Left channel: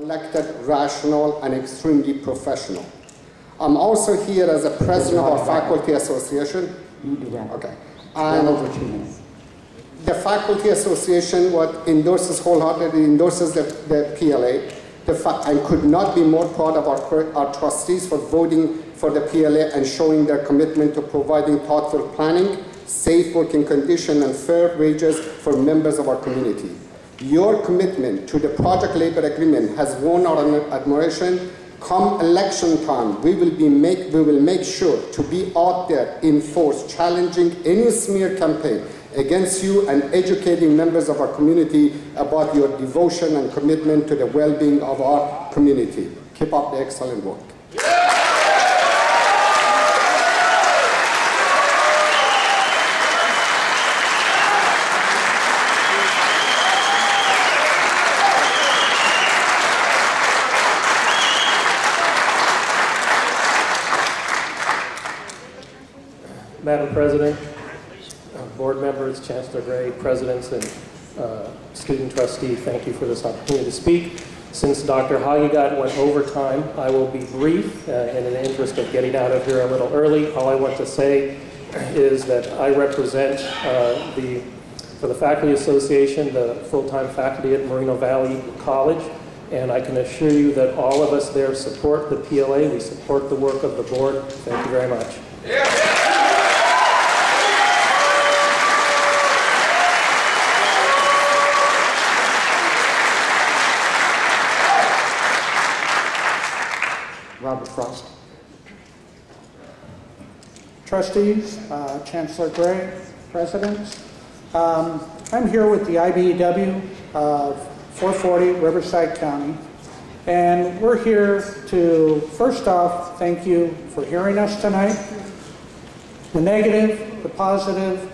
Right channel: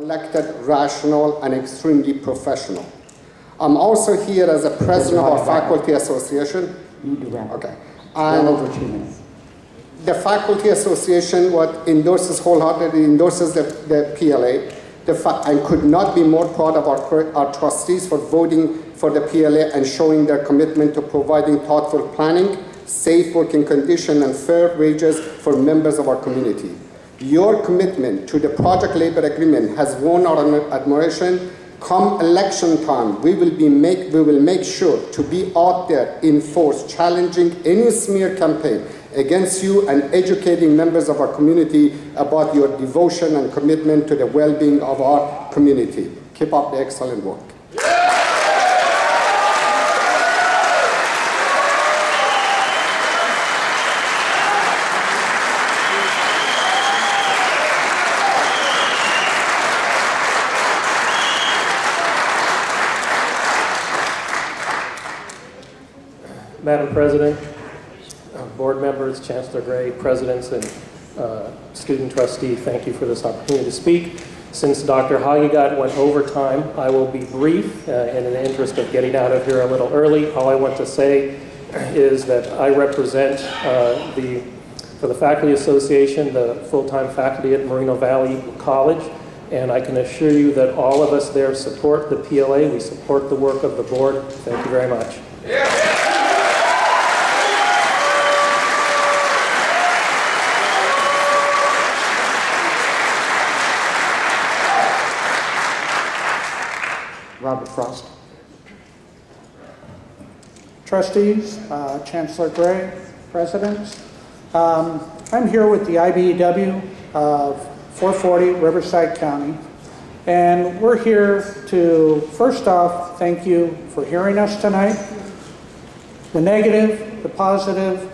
Elected, rational, and extremely professional. I'm also here as a president of our faculty association. Okay. And over 2 minutes. The faculty association wholeheartedly endorses the PLA. And could not be more proud of our trustees for voting for the PLA and showing their commitment to providing thoughtful planning, safe working conditions, and fair wages for members of our community. Your commitment to the Project Labor Agreement has won our admiration. Come election time, we will make sure to be out there in force, challenging any smear campaign against you and educating members of our community about your devotion and commitment to the well-being of our community. Keep up the excellent work. Madam President, board members, Chancellor Gray, presidents, and student trustee, thank you for this opportunity to speak. Since Dr. Hagegat went over time, I will be brief in the interest of getting out of here a little early. All I want to say is that I represent for the Faculty Association, the full-time faculty at Moreno Valley College, and I can assure you that all of us there support the PLA. We support the work of the board. Thank you very much. Robert Frost. Trustees, Chancellor Gray, presidents. I'm here with the IBEW of 440 Riverside County, and we're here to, first off, thank you for hearing us tonight. The negative, the positive,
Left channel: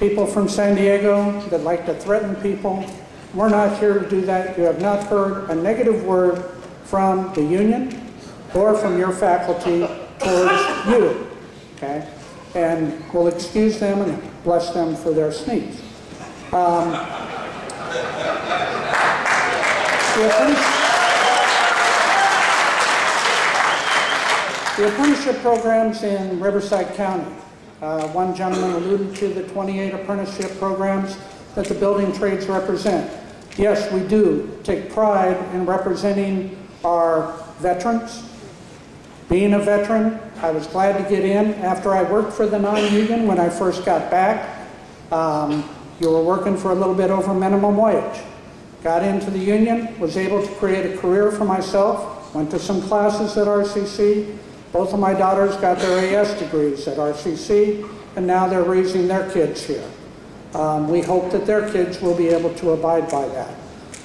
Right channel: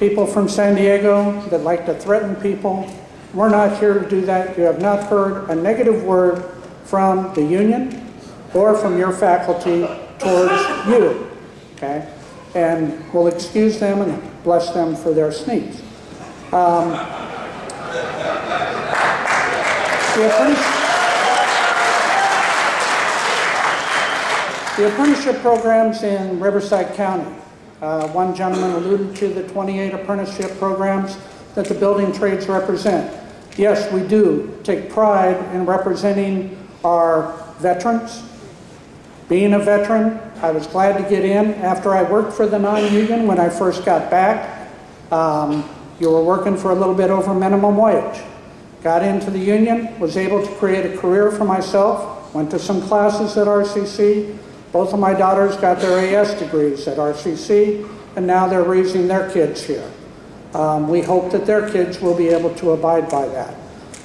people from San Diego that like to threaten people, we're not here to do that. You have not heard a negative word from the union or from your faculty towards you, okay? And we'll excuse them and bless them for their sneeze. The apprenticeship programs in Riverside County. One gentleman alluded to the 28 apprenticeship programs that the building trades represent. Yes, we do take pride in representing our veterans. Being a veteran, I was glad to get in after I worked for the non-union when I first got back. You were working for a little bit over minimum wage. Got into the union, was able to create a career for myself, went to some classes at RCC. Both of my daughters got their AS degrees at RCC, and now they're raising their kids here. We hope that their kids will be able to abide by that.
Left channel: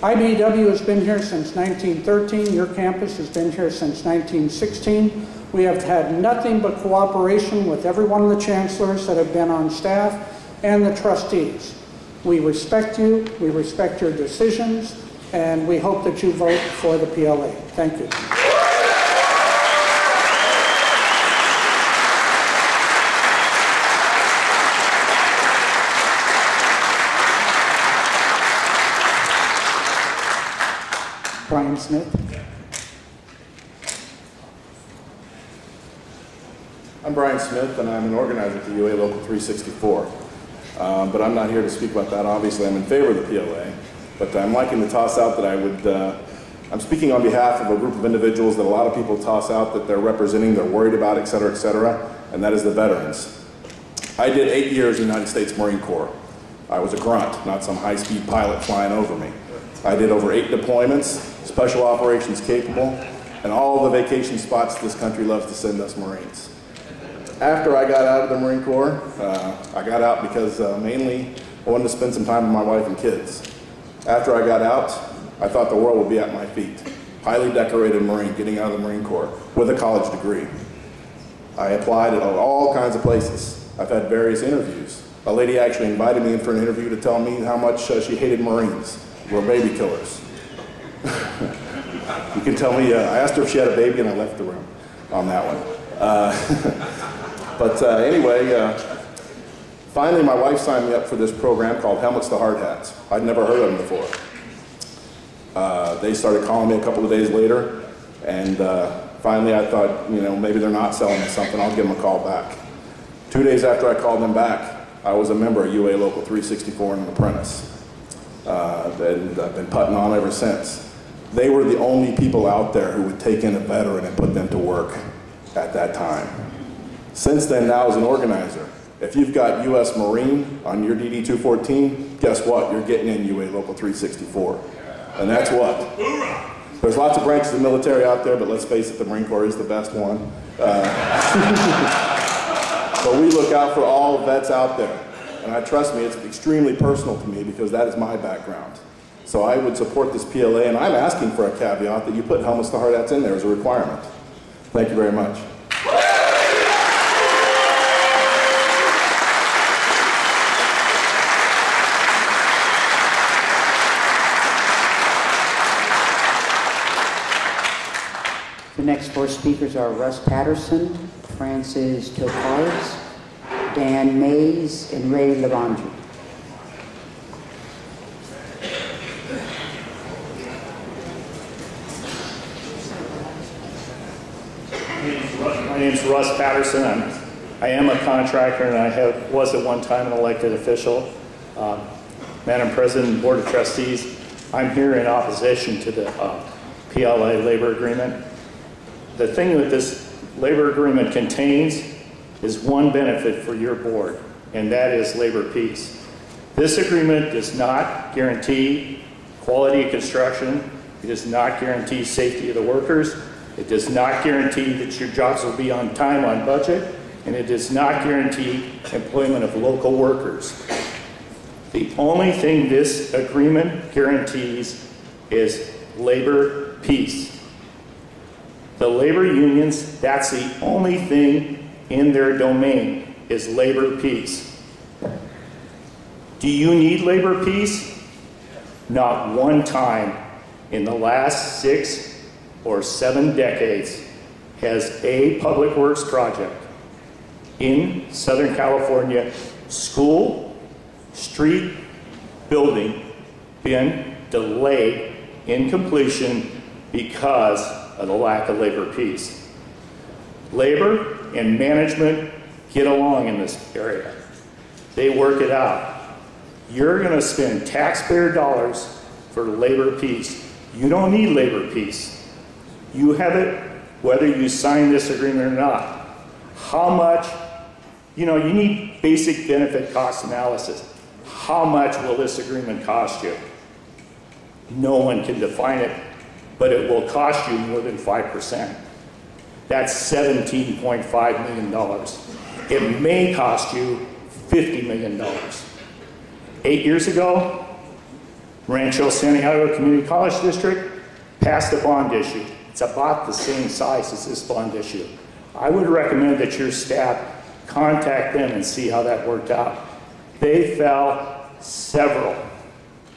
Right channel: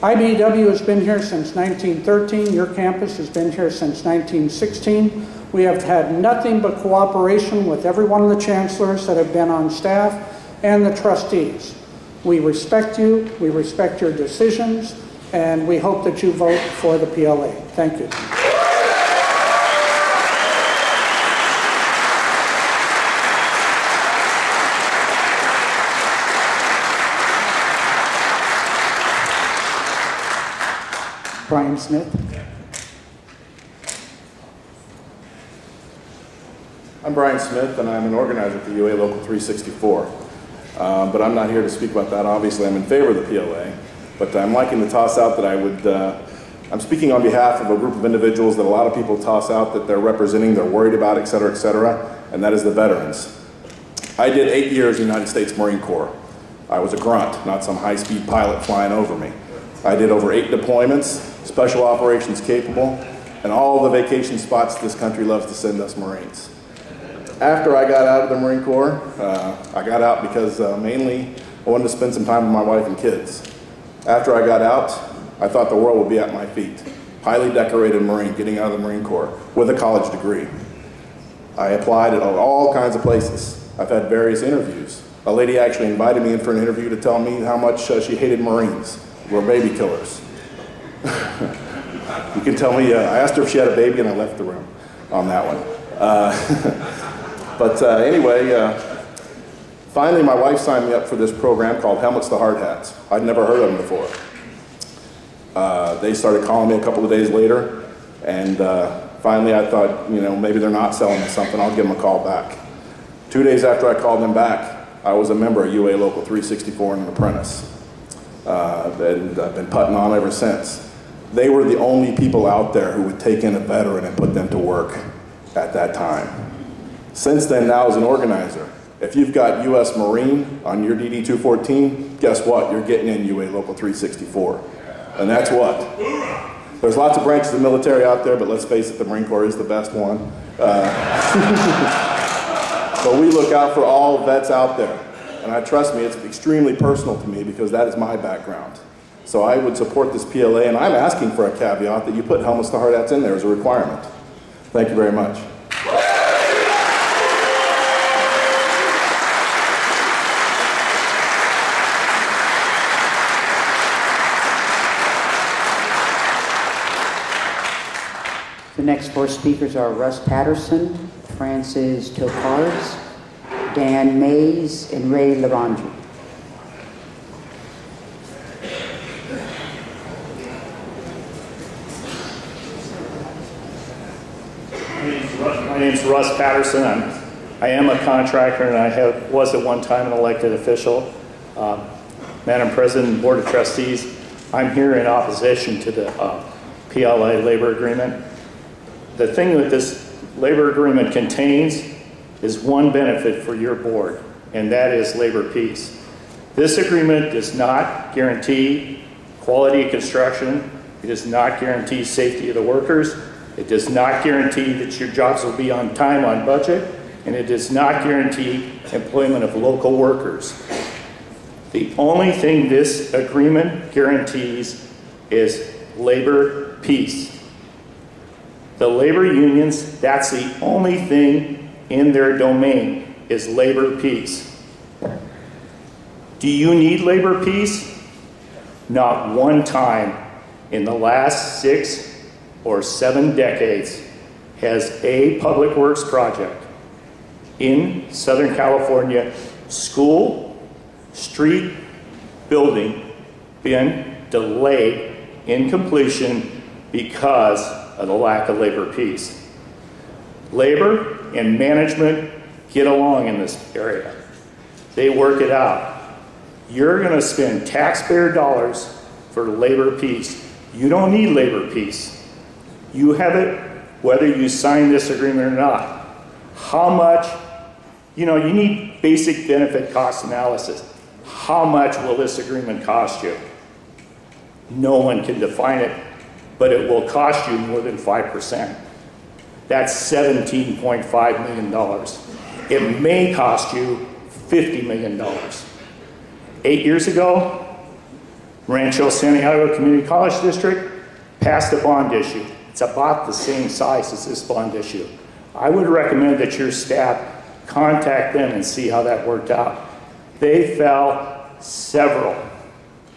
IBEW has been here since 1913. Your campus has been here since 1916. We have had nothing but cooperation with every one of the chancellors that have been on staff and the trustees. We respect you, we respect your decisions, and we hope that you vote for the PLA. Thank you. Brian Smith. I'm Brian Smith, and I'm an organizer at the UA Local 364. But I'm not here to speak about that. Obviously, I'm in favor of the PLA, but I'm liking to toss out that I'm speaking on behalf of a group of individuals that a lot of people toss out that they're representing, they're worried about, et cetera, and that is the veterans. I did 8 years in the United States Marine Corps. I was a grunt, not some high-speed pilot flying over me. I did over 8 deployments, special operations capable, and all the vacation spots this country loves to send us Marines. After I got out of the Marine Corps, I got out because mainly I wanted to spend some time with my wife and kids. After I got out, I thought the world would be at my feet. Highly decorated Marine, getting out of the Marine Corps with a college degree. I applied at all kinds of places. I've had various interviews. A lady actually invited me in for an interview to tell me how much she hated Marines. We're baby killers. You can tell me, I asked her if she had a baby and I left the room on that one. Anyway, finally my wife signed me up for this program called Helmets to Hard Hats. I'd never heard of them before. They started calling me a couple of days later, and finally I thought, you know, maybe they're not selling me something, I'll give them a call back. 2 days after I called them back, I was a member of UA Local 364 and an apprentice. And I've been putting on ever since. They were the only people out there who would take in a veteran and put them to work at that time. Since then, now as an organizer, if you've got U.S. Marine on your DD 214, guess what? You're getting in UA Local 364. And that's what. There's lots of branches of the military out there, but let's face it, the Marine Corps is the best one. But we look out for all vets out there. And trust me, it's extremely personal to me because that is my background. So I would support this PLA, and I'm asking for a caveat that you put helmets to hard hats in there as a requirement. Thank you very much. The next four speakers are Russ Patterson, Francis Topars, Dan Mays, and Ray Lavandri. My name's Russ Patterson. I am a contractor, and I was at one time an elected official. Madam President, Board of Trustees, I'm here in opposition to the PLA labor agreement. The thing that this labor agreement contains is one benefit for your board, and that is labor peace. This agreement does not guarantee quality of construction. It does not guarantee safety of the workers. It does not guarantee that your jobs will be on time, on budget, and it does not guarantee employment of local workers. The only thing this agreement guarantees is labor peace. The labor unions, that's the only thing in their domain, is labor peace. Do you need labor peace? Not one time in the last 6 or 7 decades has a public works project in Southern California, school, street, building, been delayed in completion because of the lack of labor peace. Labor and management get along in this area. They work it out. You're going to spend taxpayer dollars for labor peace. You don't need labor peace. You have it whether you sign this agreement or not. How much, you need basic benefit cost analysis. How much will this agreement cost you? No one can define it, but it will cost you more than 5%. That's $17.5 million. It may cost you $50 million. 8 years ago, Rancho Santiago Community College District passed a bond issue. It's about the same size as this bond issue. I would recommend that your staff contact them and see how that worked out. They fell several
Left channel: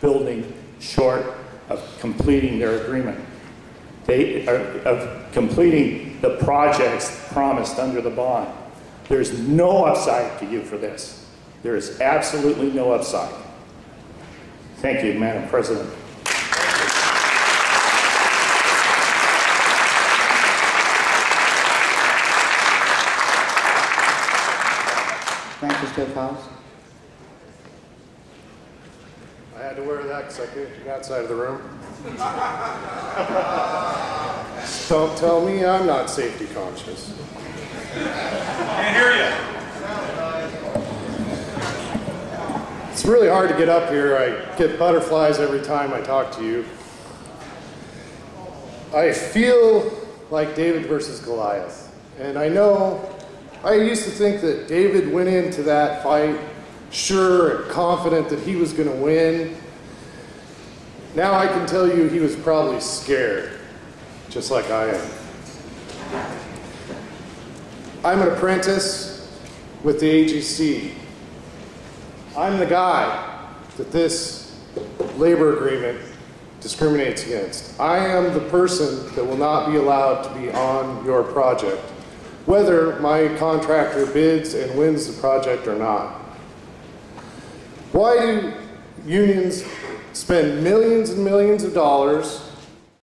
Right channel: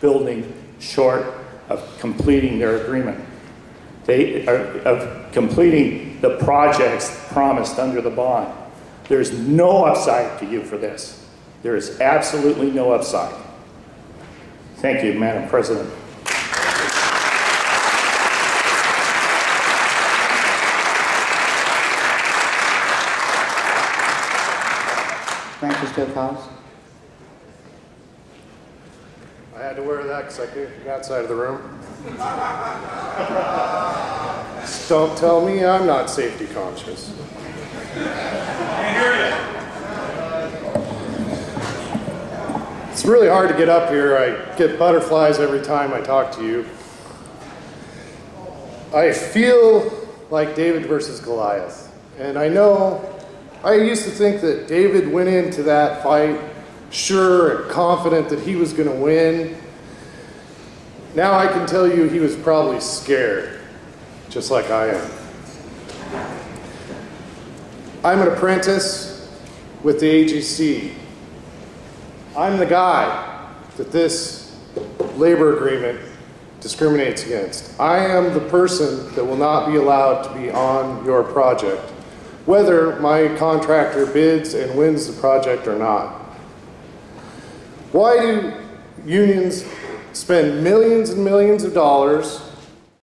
buildings short of completing their agreement. Of completing the projects promised under the bond. There's no upside to you for this. There is absolutely no upside. Thank you, Madam President. Francis Topars. I had to wear that because I couldn't get outside of the room. Don't tell me I'm not safety conscious. Can't hear you. It's really hard to get up here. I get butterflies every time I talk to you. I feel like David versus Goliath. And I know, I used to think that David went into that fight sure and confident that he was going to win. Now I can tell you he was probably scared, just like I am. I'm an apprentice with the AGC. I'm the guy that this labor agreement discriminates against. I am the person that will not be allowed to be on your project, whether my contractor bids and wins the project or not. Why do unions spend millions and millions of dollars